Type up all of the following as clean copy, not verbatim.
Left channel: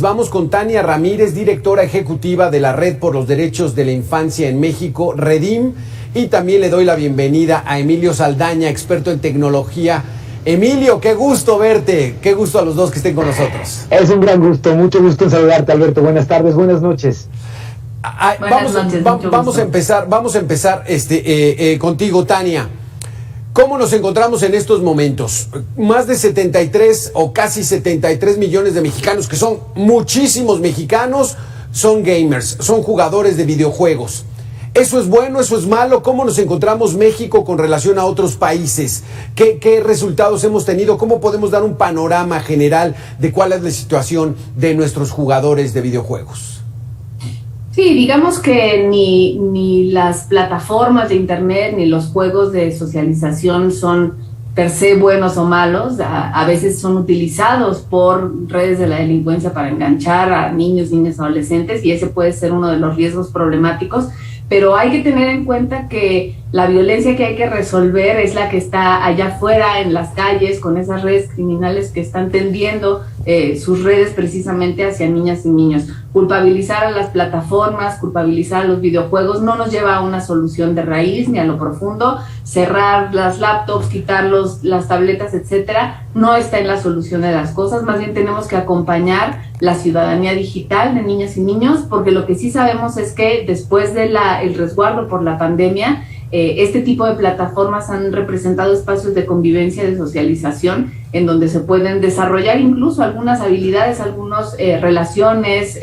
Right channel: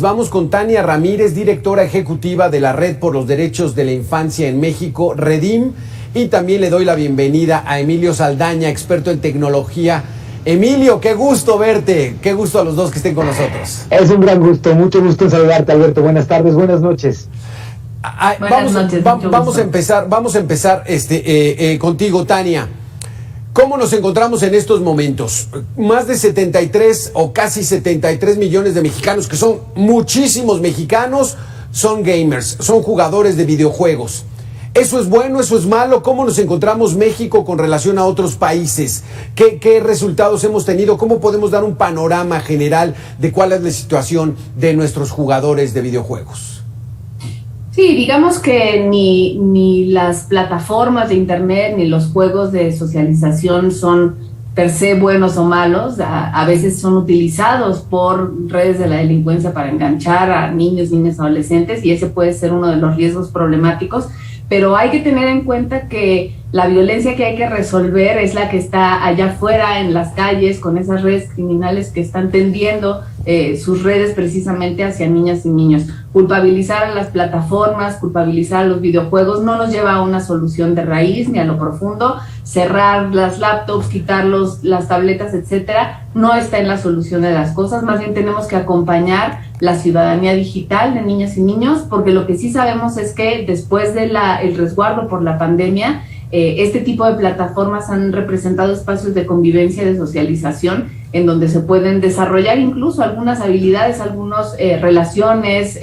Vamos con Tania Ramírez, directora ejecutiva de la Red por los Derechos de la Infancia en México, REDIM, y también le doy la bienvenida a Emilio Saldaña, experto en tecnología. Emilio, qué gusto verte, qué gusto a los dos que estén con nosotros. Es un gran gusto, mucho gusto en saludarte, Alberto. Buenas tardes, buenas noches. Vamos a empezar contigo, Tania. ¿Cómo nos encontramos en estos momentos? Más de 73 o casi 73 millones de mexicanos, que son muchísimos mexicanos, son gamers, son jugadores de videojuegos. ¿Eso es bueno, eso es malo? ¿Cómo nos encontramos México con relación a otros países? ¿Qué resultados hemos tenido? ¿Cómo podemos dar un panorama general de cuál es la situación de nuestros jugadores de videojuegos? Sí, digamos que ni las plataformas de internet ni los juegos de socialización son per se buenos o malos. A veces son utilizados por redes de la delincuencia para enganchar a niños, niñas, adolescentes, y ese puede ser uno de los riesgos problemáticos. Pero hay que tener en cuenta que la violencia que hay que resolver es la que está allá afuera en las calles, con esas redes criminales que están tendiendo sus redes precisamente hacia niñas y niños. Culpabilizar a las plataformas, culpabilizar a los videojuegos no nos lleva a una solución de raíz ni a lo profundo. Cerrar las laptops, quitar las tabletas, etcétera, no está en la solución de las cosas. Más bien tenemos que acompañar la ciudadanía digital de niñas y niños, porque lo que sí sabemos es que después de el resguardo por la pandemia, este tipo de plataformas han representado espacios de convivencia y de socialización en donde se pueden desarrollar incluso algunas habilidades, algunas relaciones,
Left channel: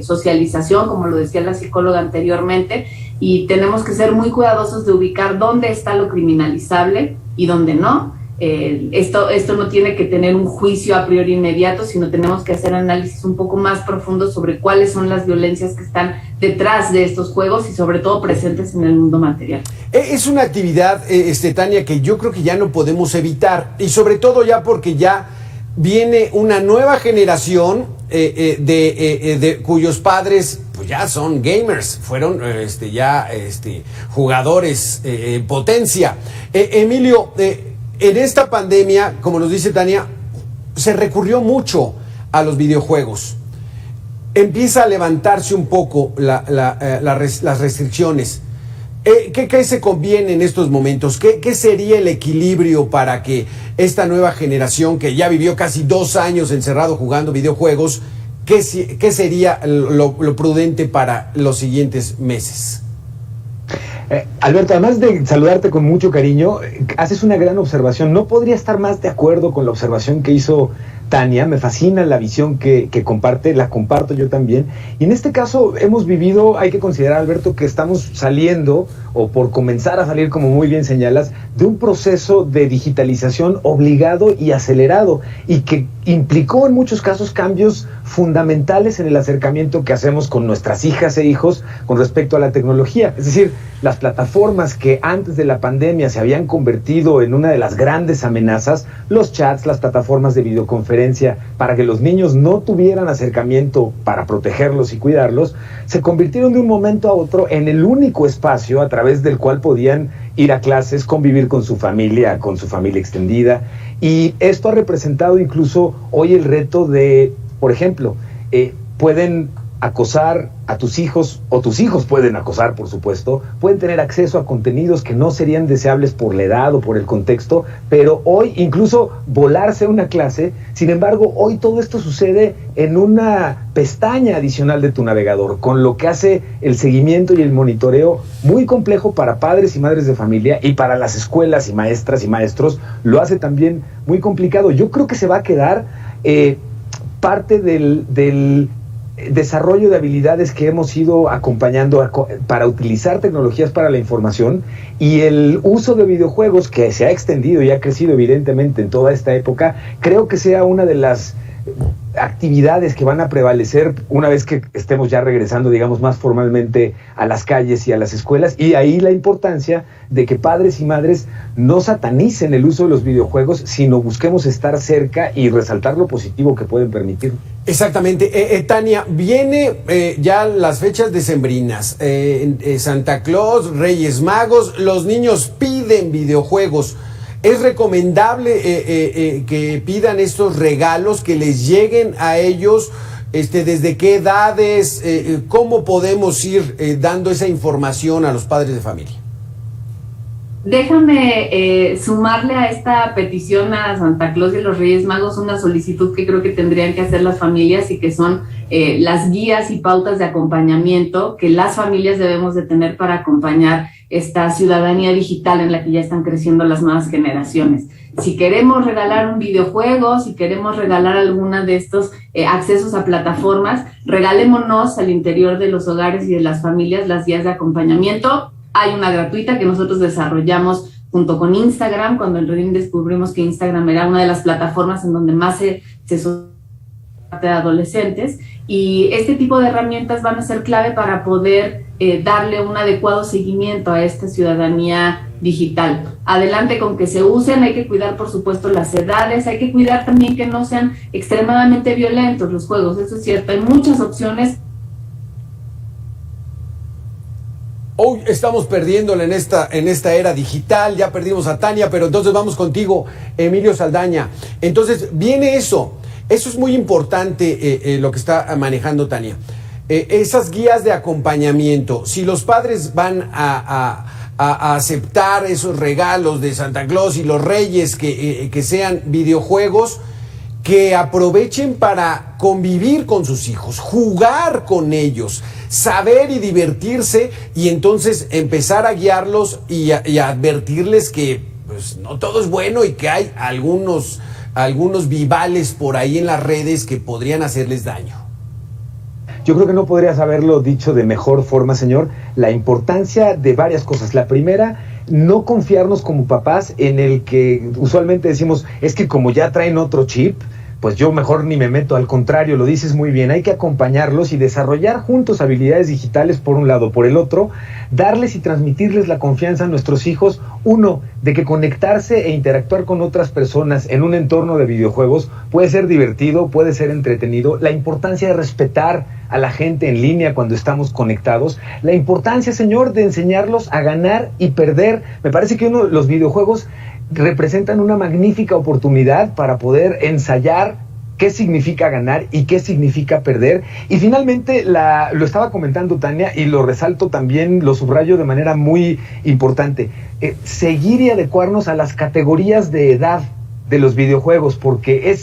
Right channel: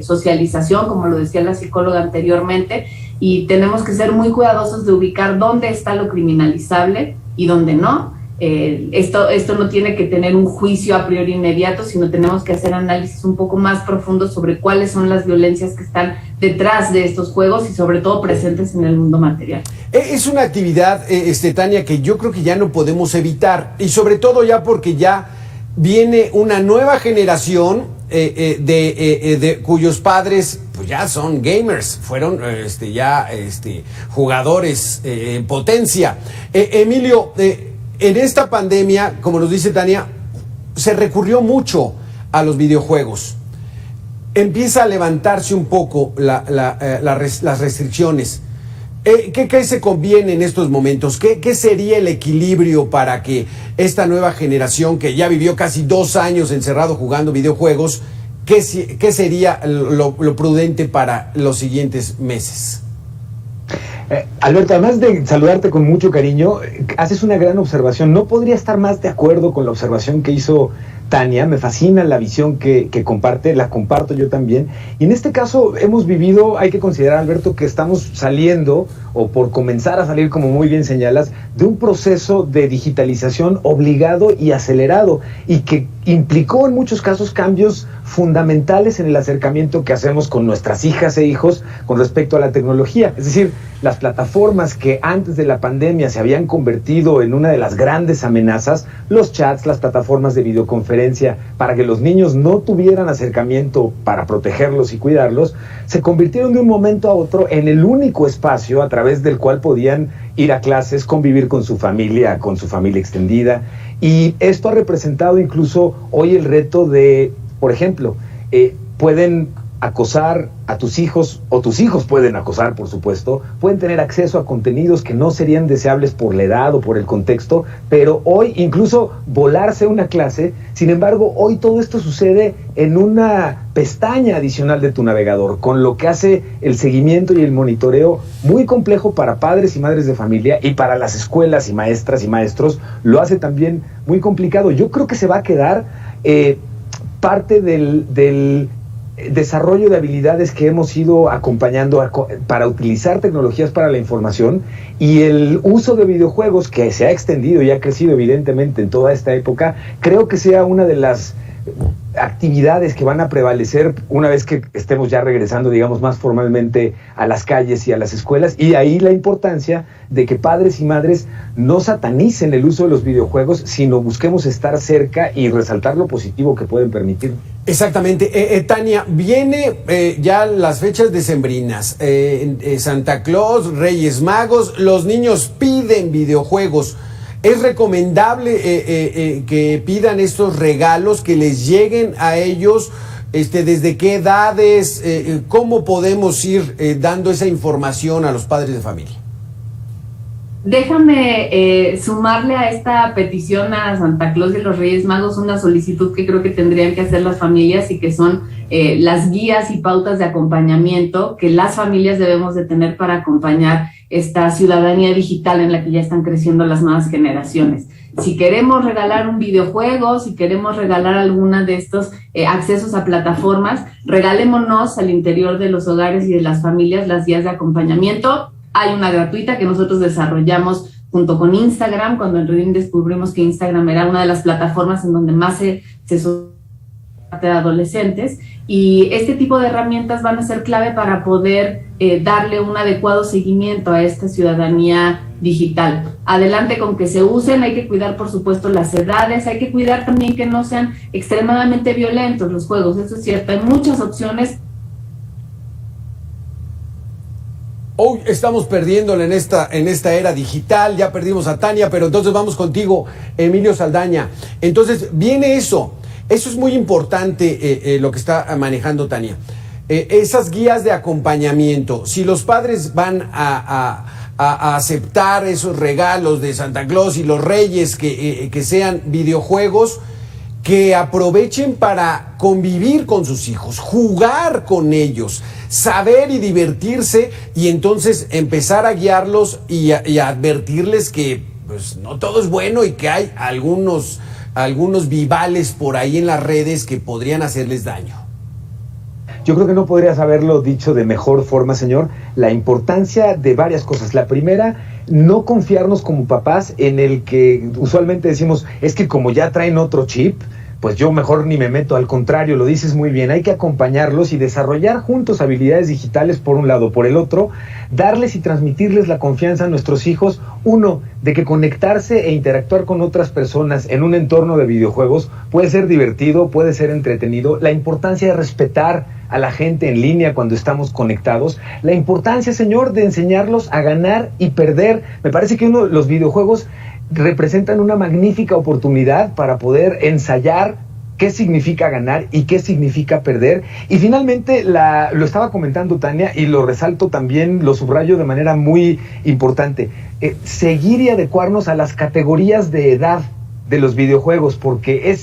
socialización, como lo decía la psicóloga anteriormente, y tenemos que ser muy cuidadosos de ubicar dónde está lo criminalizable y dónde no. Esto no tiene que tener un juicio a priori inmediato, sino tenemos que hacer análisis un poco más profundos sobre cuáles son las violencias que están detrás de estos juegos y sobre todo presentes en el mundo material. Es una actividad, Tania, que yo creo que ya no podemos evitar, y sobre todo ya porque ya viene una nueva generación cuyos padres pues ya son gamers, fueron jugadores potencia. Emilio, en esta pandemia, como nos dice Tania, se recurrió mucho a los videojuegos. Empieza a levantarse un poco las restricciones. ¿Qué se conviene en estos momentos? ¿Qué sería el equilibrio para que esta nueva generación, que ya vivió casi 2 años encerrado jugando videojuegos, qué sería lo prudente para los siguientes meses? Alberto, además de saludarte con mucho cariño, haces una gran observación. No podría estar más de acuerdo con la observación que hizo Tania. Me fascina la visión que comparte, la comparto yo también. Y en este caso hemos vivido, hay que considerar, Alberto, que estamos saliendo, o por comenzar a salir, como muy bien señalas, de un proceso de digitalización obligado y acelerado, y que implicó en muchos casos cambios fundamentales en el acercamiento que hacemos con nuestras hijas e hijos con respecto a la tecnología. Es decir, las plataformas que antes de la pandemia se habían convertido en una de las grandes amenazas, los chats, las plataformas de videoconferencia, para que los niños no tuvieran acercamiento para protegerlos y cuidarlos, se convirtieron de un momento a otro en el único espacio a través del cual podían ir a clases, convivir con su familia extendida. Y esto ha representado incluso hoy el reto de, por ejemplo, pueden acosar a tus hijos, o tus hijos pueden acosar, por supuesto, pueden tener acceso a contenidos que no serían deseables por la edad o por el contexto, pero hoy incluso volarse una clase. Sin embargo, hoy todo esto sucede en una pestaña adicional de tu navegador, con lo que hace el seguimiento y el monitoreo muy complejo para padres y madres de familia, y para las escuelas y maestras y maestros lo hace también muy complicado. Yo creo que se va a quedar parte del desarrollo de habilidades que hemos ido acompañando para utilizar tecnologías para la información, y el uso de videojuegos, que se ha extendido y ha crecido evidentemente en toda esta época, creo que sea una de las actividades que van a prevalecer una vez que estemos ya regresando, digamos, más formalmente a las calles y a las escuelas. Y ahí la importancia de que padres y madres no satanicen el uso de los videojuegos, sino busquemos estar cerca y resaltar lo positivo que pueden permitir. Exactamente. Tania, viene ya las fechas decembrinas, Santa Claus, Reyes Magos, los niños piden videojuegos. ¿Es recomendable que pidan estos regalos, que les lleguen a ellos ¿Desde qué edades? ¿Cómo podemos ir dando esa información a los padres de familia? Déjame sumarle a esta petición a Santa Claus y los Reyes Magos una solicitud que creo que tendrían que hacer las familias y que son las guías y pautas de acompañamiento que las familias debemos de tener para acompañar esta ciudadanía digital en la que ya están creciendo las nuevas generaciones. Si queremos regalar un videojuego, si queremos regalar alguna de estos accesos a plataformas, regalémonos al interior de los hogares y de las familias las guías de acompañamiento. Hay una gratuita que nosotros desarrollamos junto con Instagram, cuando en Redim descubrimos que Instagram era una de las plataformas en donde más se de adolescentes, y este tipo de herramientas van a ser clave para poder darle un adecuado seguimiento a esta ciudadanía digital. Adelante con que se usen, hay que cuidar por supuesto las edades, hay que cuidar también que no sean extremadamente violentos los juegos, eso es cierto, hay muchas opciones. Hoy estamos perdiéndole en esta era digital, ya perdimos a Tania, pero entonces vamos contigo, Emilio Saldaña. Entonces viene eso es muy importante lo que está manejando Tania. Esas guías de acompañamiento, si los padres van a aceptar esos regalos de Santa Claus y los Reyes que sean videojuegos, que aprovechen para convivir con sus hijos, jugar con ellos, saber y divertirse, y entonces empezar a guiarlos y a advertirles que pues, no todo es bueno y que hay algunos vivales por ahí en las redes que podrían hacerles daño. Yo creo que no podrías haberlo dicho de mejor forma, señor. La importancia de varias cosas. La primera, no confiarnos como papás en el que usualmente decimos, es que como ya traen otro chip, pues yo mejor ni me meto. Al contrario, lo dices muy bien, hay que acompañarlos y desarrollar juntos habilidades digitales por un lado. Por el otro, darles y transmitirles la confianza a nuestros hijos, uno, de que conectarse e interactuar con otras personas en un entorno de videojuegos puede ser divertido, puede ser entretenido, la importancia de respetar a la gente en línea cuando estamos conectados, la importancia, señor, de enseñarlos a ganar y perder. Me parece que los videojuegos representan una magnífica oportunidad para poder ensayar qué significa ganar y qué significa perder. Y finalmente, lo estaba comentando Tania y lo resalto también, lo subrayo de manera muy importante, seguir y adecuarnos a las categorías de edad de los videojuegos, porque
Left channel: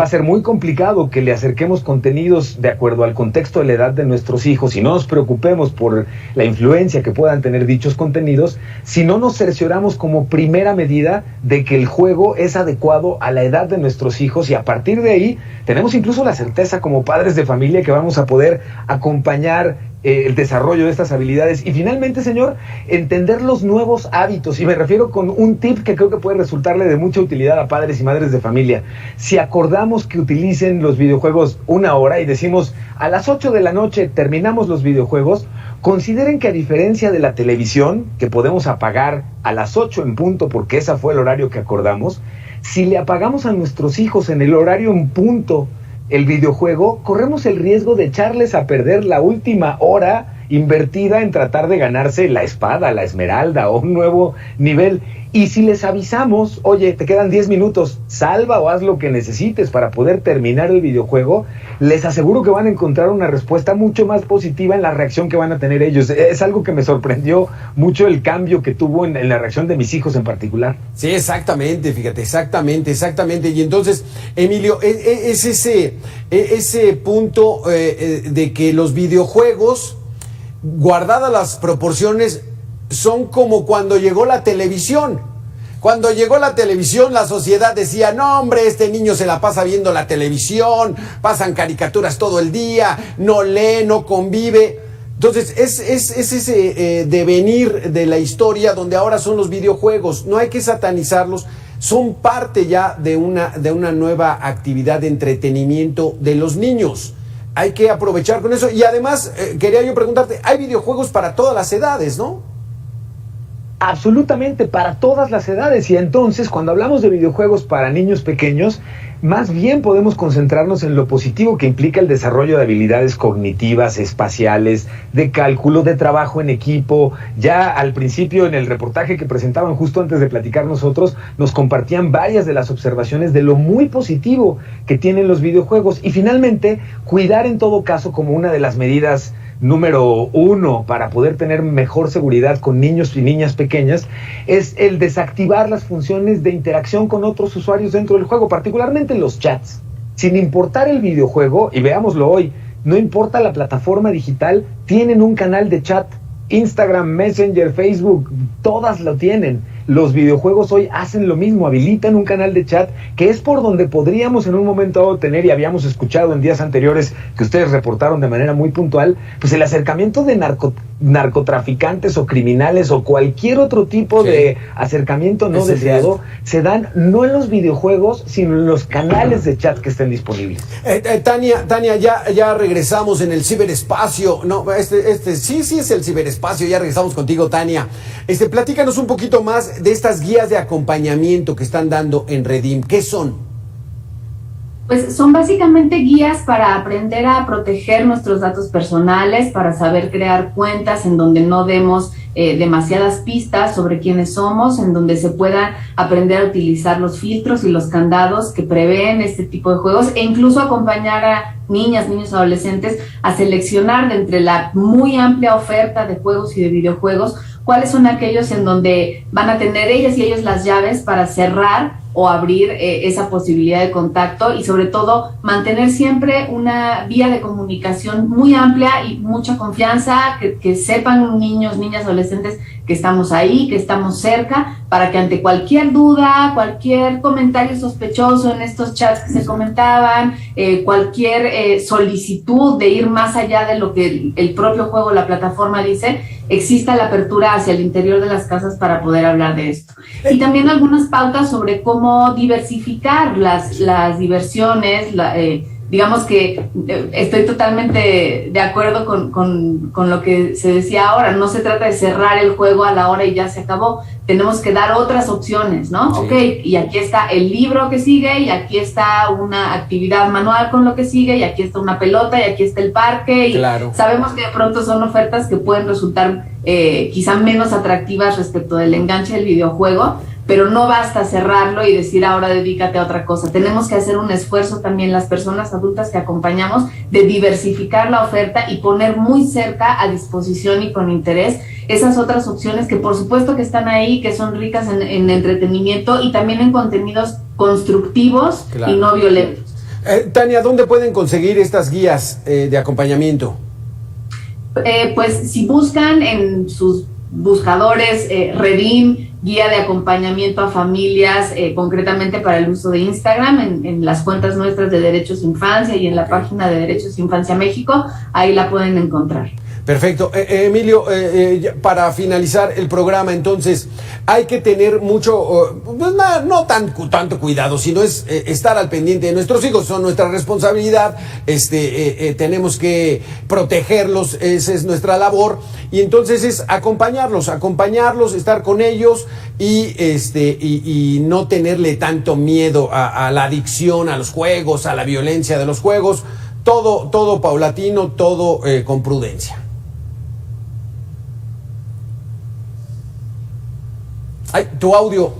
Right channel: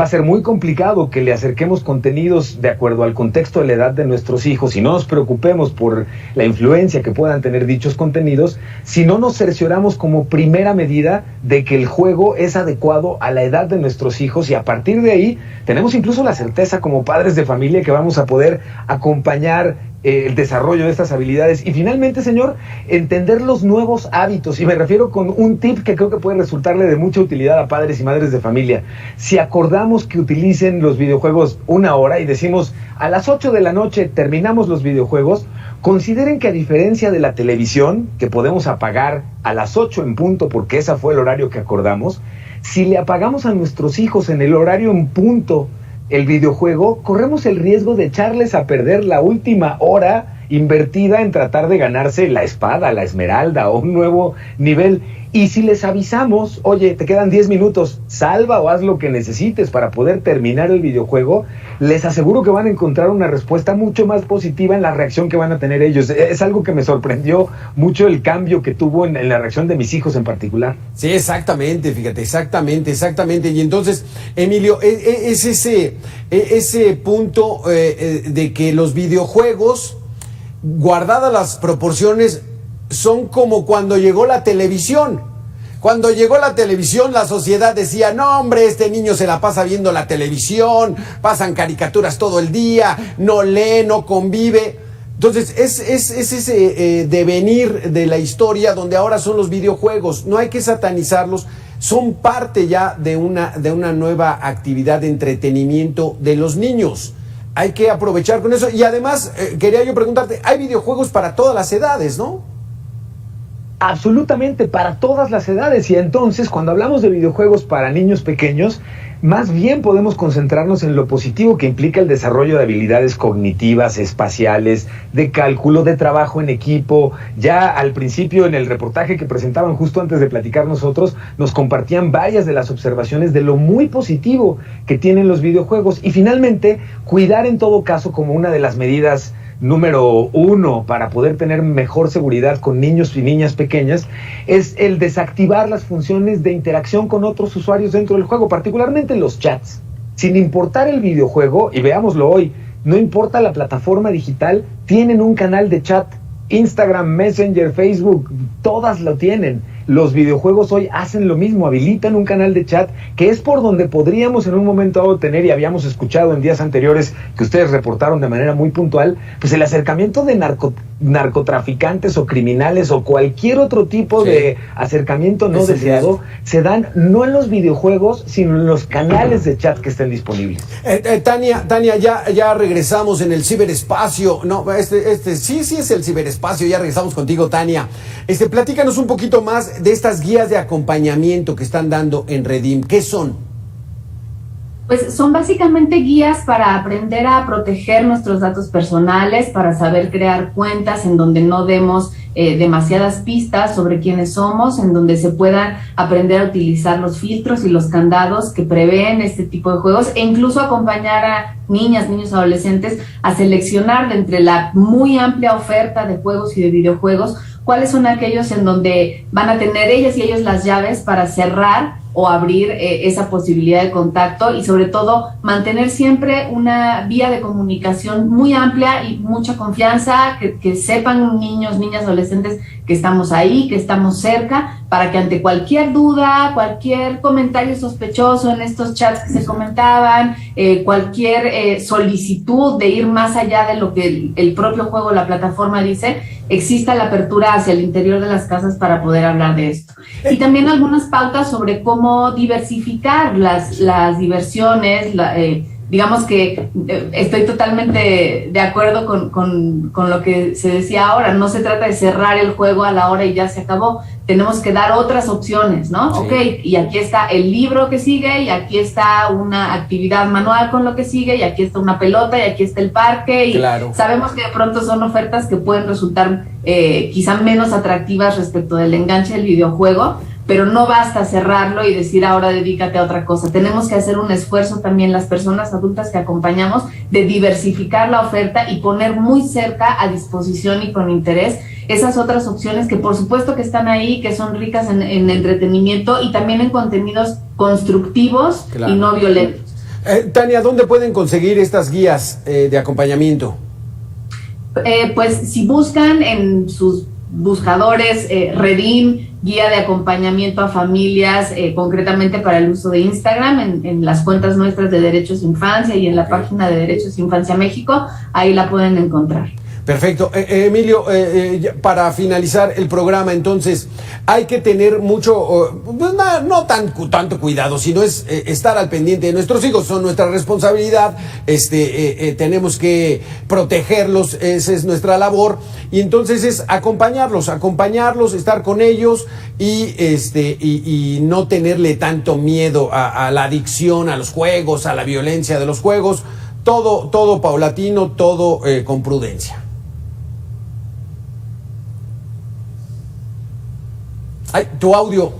va a ser muy complicado que le acerquemos contenidos de acuerdo al contexto de la edad de nuestros hijos y no nos preocupemos por la influencia que puedan tener dichos contenidos si no nos cercioramos como primera medida de que el juego es adecuado a la edad de nuestros hijos, y a partir de ahí tenemos incluso la certeza como padres de familia que vamos a poder acompañar el desarrollo de estas habilidades. Y finalmente, señor, entender los nuevos hábitos, y me refiero con un tip que creo que puede resultarle de mucha utilidad a padres y madres de familia. Si acordamos que utilicen los videojuegos 1 hora y decimos a las 8 de la noche terminamos los videojuegos, consideren que a diferencia de la televisión, que podemos apagar a las 8 en punto porque ese fue el horario que acordamos, si le apagamos a nuestros hijos en el horario en punto el videojuego, corremos el riesgo de echarles a perder la última hora invertida en tratar de ganarse la espada, la esmeralda o un nuevo nivel. Y si les avisamos, oye, te quedan 10 minutos, salva o haz lo que necesites para poder terminar el videojuego, les aseguro que van a encontrar una respuesta mucho más positiva en la reacción que van a tener ellos. Es algo que me sorprendió mucho el cambio que tuvo en la reacción de mis hijos en particular. Sí, exactamente, fíjate, exactamente. Y entonces, Emilio, es ese punto de que los videojuegos, guardadas las proporciones, son como cuando llegó la televisión. Cuando llegó la televisión, la sociedad decía, no hombre, este niño se la pasa viendo la televisión, pasan caricaturas todo el día, no lee, no convive. Entonces, es ese devenir de la historia donde ahora son los videojuegos. No hay que satanizarlos, son parte ya de una nueva actividad de entretenimiento de los niños. Hay que aprovechar con eso. Y además, quería yo preguntarte, hay videojuegos para todas las edades, ¿no? Absolutamente, para todas las edades. Y entonces, cuando hablamos de videojuegos para niños pequeños, más bien podemos concentrarnos en lo positivo que implica el desarrollo de habilidades cognitivas, espaciales, de cálculo, de trabajo en equipo. Ya al principio, en el reportaje que presentaban justo antes de platicar nosotros, nos compartían varias de las observaciones de lo muy positivo que tienen los videojuegos. Y finalmente, cuidar en todo caso como una de las medidas número 1 para poder tener mejor seguridad con niños y niñas pequeñas es el desactivar las funciones de interacción con otros usuarios dentro del juego, particularmente los chats. Sin importar el videojuego, y veámoslo hoy, no importa la plataforma digital, tienen un canal de chat. Instagram, Messenger, Facebook, todas lo tienen. Los videojuegos hoy hacen lo mismo, habilitan un canal de chat que es por donde podríamos en un momento dado tener, y habíamos escuchado en días anteriores que ustedes reportaron de manera muy puntual, pues el acercamiento de narcotraficantes o criminales o cualquier otro tipo de acercamiento no deseado se dan no en los videojuegos, sino en los canales de chat que estén disponibles. Tania, ya regresamos en el ciberespacio. No, sí es el ciberespacio. Ya regresamos contigo, Tania. Platícanos un poquito más de estas guías de acompañamiento que están dando en Redim. ¿Qué son? Pues son básicamente guías para aprender a proteger nuestros datos personales, para saber crear cuentas en donde no demos demasiadas pistas sobre quiénes somos, en donde se puedan aprender a utilizar los filtros y los candados que prevén este tipo de juegos, e incluso acompañar a niñas, niños, adolescentes a seleccionar de entre la muy amplia oferta de juegos y de videojuegos cuáles son aquellos en donde van a tener ellas y ellos las llaves para cerrar o abrir esa posibilidad de contacto, y sobre todo mantener siempre una vía de comunicación muy amplia y mucha confianza, que sepan niños, niñas, adolescentes que estamos ahí, que estamos cerca, para que ante cualquier duda, cualquier comentario sospechoso en estos chats que se comentaban, cualquier solicitud de ir más allá de lo que el propio juego, la plataforma dice, exista la apertura hacia el interior de las casas para poder hablar de esto. Y también algunas pautas sobre cómo diversificar las diversiones, digamos que estoy totalmente de acuerdo con lo que se decía ahora. No se trata de cerrar el juego a la hora y ya se acabó. Tenemos que dar otras opciones, ¿no? Sí. Ok, y aquí está el libro que sigue, y aquí está una actividad manual con lo que sigue, y aquí está una pelota, y aquí está el parque. Y claro, sabemos que de pronto son ofertas que pueden resultar quizá menos atractivas respecto del enganche del videojuego, pero no basta cerrarlo y decir ahora dedícate a otra cosa. Tenemos que hacer un esfuerzo también las personas adultas que acompañamos de diversificar la oferta y poner muy cerca a disposición y con interés esas otras opciones que por supuesto que están ahí, que son ricas en entretenimiento y también en contenidos constructivos, claro, y no violentos. Tania, ¿dónde pueden conseguir estas guías de acompañamiento? Pues si buscan en sus buscadores Redim, guía de acompañamiento a familias, concretamente para el uso de Instagram, en las cuentas nuestras de Derechos Infancia y en la página de Derechos Infancia México, ahí la pueden encontrar. Perfecto. Emilio, para finalizar el programa, entonces, hay que tener mucho, no tanto cuidado, sino es estar al pendiente de nuestros hijos, son nuestra responsabilidad, tenemos que protegerlos, esa es nuestra labor, y entonces es acompañarlos, estar con ellos y no tenerle tanto miedo a la adicción, a los juegos, a la violencia de los juegos, todo paulatino, todo con prudencia. Ay, tu audio,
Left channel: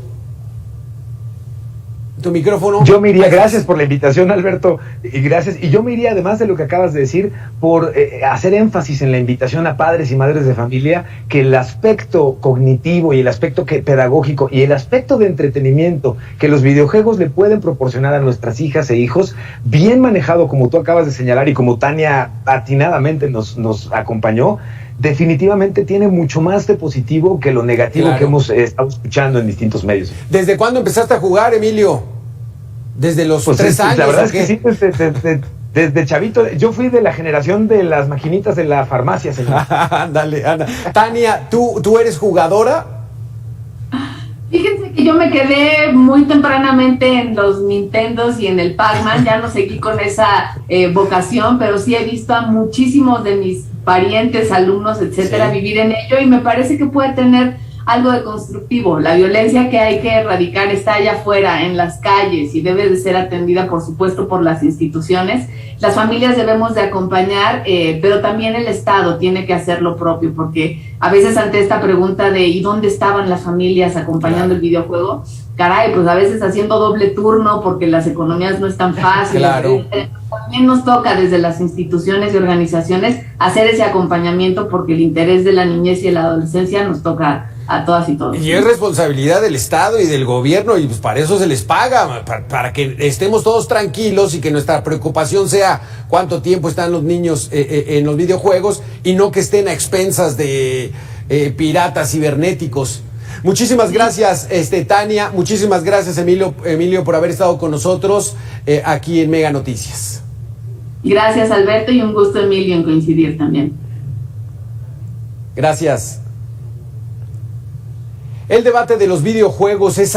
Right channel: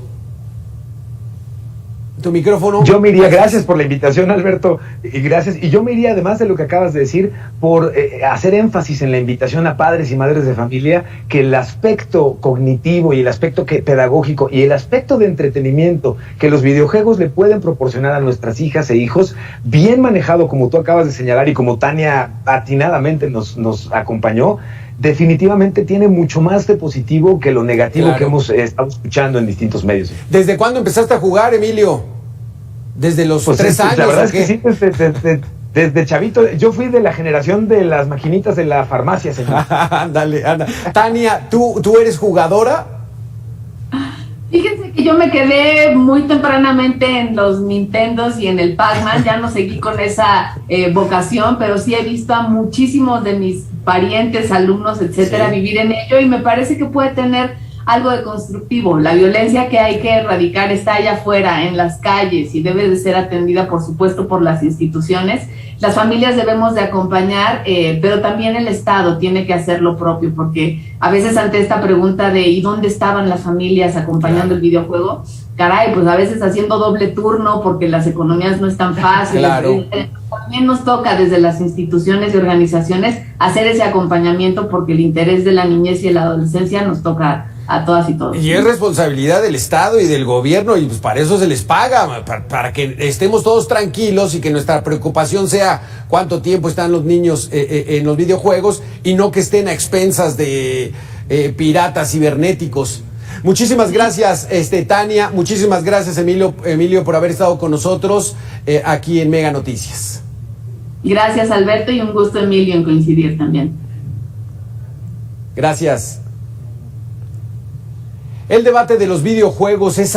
tu micrófono. Yo me iría, gracias por la invitación, Alberto, y gracias. Y yo me iría, además de lo que acabas de decir, por hacer énfasis en la invitación a padres y madres de familia, que el aspecto cognitivo y el aspecto pedagógico y el aspecto de entretenimiento que los videojuegos le pueden proporcionar a nuestras hijas e hijos, bien manejado, como tú acabas de señalar y como Tania atinadamente nos acompañó, definitivamente tiene mucho más de positivo que lo negativo, claro, que hemos estado escuchando en distintos medios. ¿Desde cuándo empezaste a jugar, Emilio? ¿Desde los 3 años? La verdad es que sí, desde chavito. Yo fui de la generación de las maquinitas de la farmacia, señor. Ándale. Tania, ¿tú eres jugadora? Fíjense que yo me quedé muy tempranamente en los Nintendos y en el Pac-Man, ya no seguí con esa vocación, pero sí he visto a muchísimos de mis parientes, alumnos, etcétera, sí, vivir en ello, y me parece que puede tener algo de constructivo. La violencia que hay que erradicar está allá afuera, en las calles, y debe de ser atendida, por supuesto, por las instituciones. Las familias debemos de acompañar, pero también el Estado tiene que hacer lo propio, porque a veces ante esta pregunta de ¿y dónde estaban las familias acompañando el videojuego? Caray, pues a veces haciendo doble turno porque las economías no están fáciles. Claro. También nos toca desde las instituciones y organizaciones hacer ese acompañamiento, porque el interés de la niñez y de la adolescencia nos toca a todas y todos. Y es responsabilidad del Estado y del gobierno, y pues para eso se les paga, para que estemos todos tranquilos y que nuestra preocupación sea cuánto tiempo están los niños en los videojuegos y no que estén a expensas de piratas cibernéticos. Muchísimas gracias, Tania, muchísimas gracias, Emilio, por haber estado con nosotros aquí en Mega Noticias. Gracias, Alberto, y un gusto, Emilio, en coincidir también. Gracias. El debate de los videojuegos es